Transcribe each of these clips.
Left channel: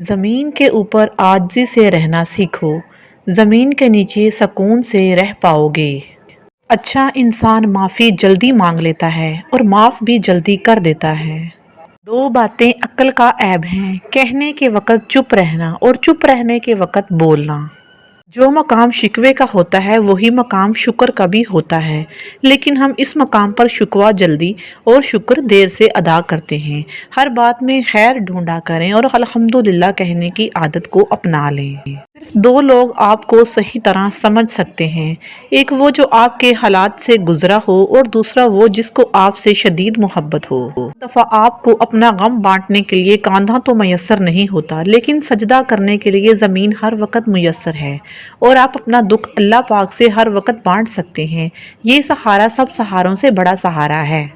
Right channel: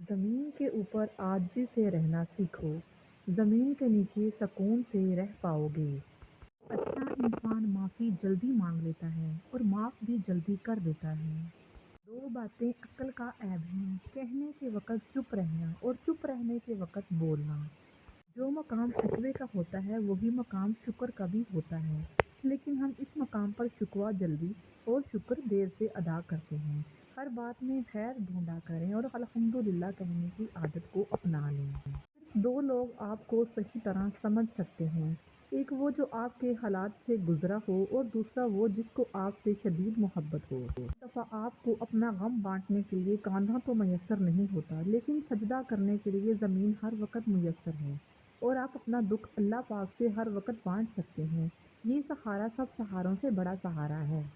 زمین کے اوپر عاجزی سے رہنا سیکھو، زمین کے نیچے سکون سے رہ پاؤ گے۔ اچھا انسان معافی جلدی مانگ لیتا ہے اور معاف بھی جلدی کر دیتا ہے۔ دو باتیں عقل کا عیب ہیں، کہنے کے وقت چپ رہنا اور چپ رہنے کے وقت بولنا۔ جو مقام شکوے کا ہوتا ہے وہی مقام شکر کا بھی ہوتا ہے، لیکن ہم اس مقام پر شکوہ جلدی اور شکر دیر سے ادا کرتے ہیں۔ ہر بات میں خیر ڈھونڈا کریں اور الحمدللہ کہنے کی عادت کو اپنا لیں۔ صرف دو لوگ آپ کو صحیح طرح سمجھ سکتے ہیں، ایک وہ جو آپ کے حالات سے گزرا ہو اور دوسرا وہ جس کو آپ سے شدید محبت ہو۔ ایک دفعہ آپ کو اپنا غم بانٹنے کے لیے کاندھا تو میسر نہیں ہوتا، لیکن سجدہ کرنے کے لیے زمین ہر وقت میسر ہے، اور آپ اپنا دکھ اللہ پاک سے ہر وقت بانٹ سکتے ہیں۔ یہ سہارا سب سہاروں سے بڑا سہارا ہے۔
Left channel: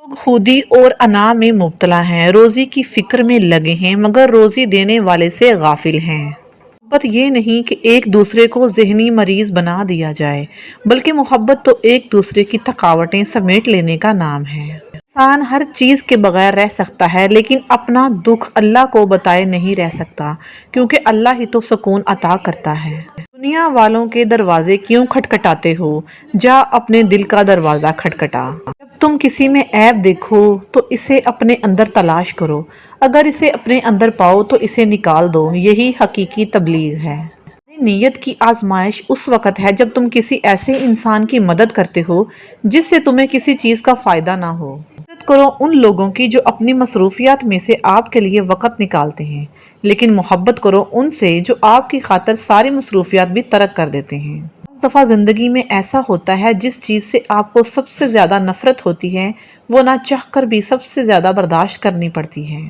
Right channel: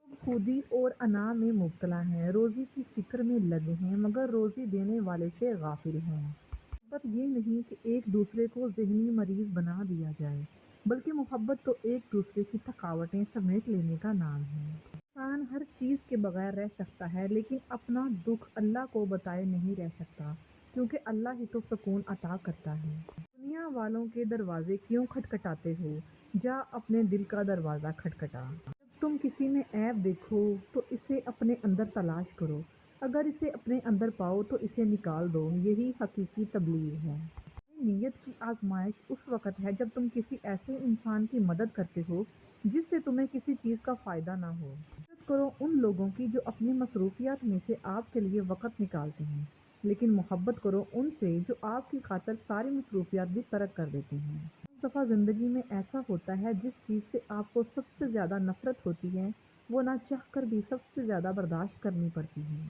لوگ خودی اور انا میں مبتلا ہیں، روزی کی فکر میں لگے ہیں مگر روزی دینے والے سے غافل ہیں۔ محبت یہ نہیں کہ ایک دوسرے کو ذہنی مریض بنا دیا جائے، بلکہ محبت تو ایک دوسرے کی تھکاوٹیں سمیٹ لینے کا نام ہے۔ انسان ہر چیز کے بغیر رہ سکتا ہے، لیکن اپنا دکھ اللہ کو بتائے نہیں رہ سکتا، کیونکہ اللہ ہی تو سکون عطا کرتا ہے۔ دنیا والوں کے دروازے کیوں کھٹکھٹاتے ہو، جا اپنے دل کا دروازہ کھٹکھٹا۔ جب تم کسی میں عیب دیکھو تو اسے اپنے اندر تلاش کرو، اگر اسے اپنے اندر پاؤ تو اسے نکال دو، یہی حقیقی تبلیغ ہے۔ تمہاری نیت کی آزمائش اس وقت ہے جب تم کسی ایسے انسان کی مدد کرتے ہو جس سے تمہیں کسی چیز کا فائدہ نہ ہو۔ عزت کرو ان لوگوں کی جو اپنی مصروفیات میں سے آپ کے لیے وقت نکالتے ہیں، لیکن محبت کرو ان سے جو آپ کی خاطر ساری مصروفیات بھی ترک کر دیتے ہیں۔ بعض دفعہ زندگی میں ایسا ہوتا ہے جس چیز سے آپ کو سب سے زیادہ نفرت ہوتی ہے وہ نہ چاہ کر بھی سب سے زیادہ برداشت کرنی پڑتی ہے۔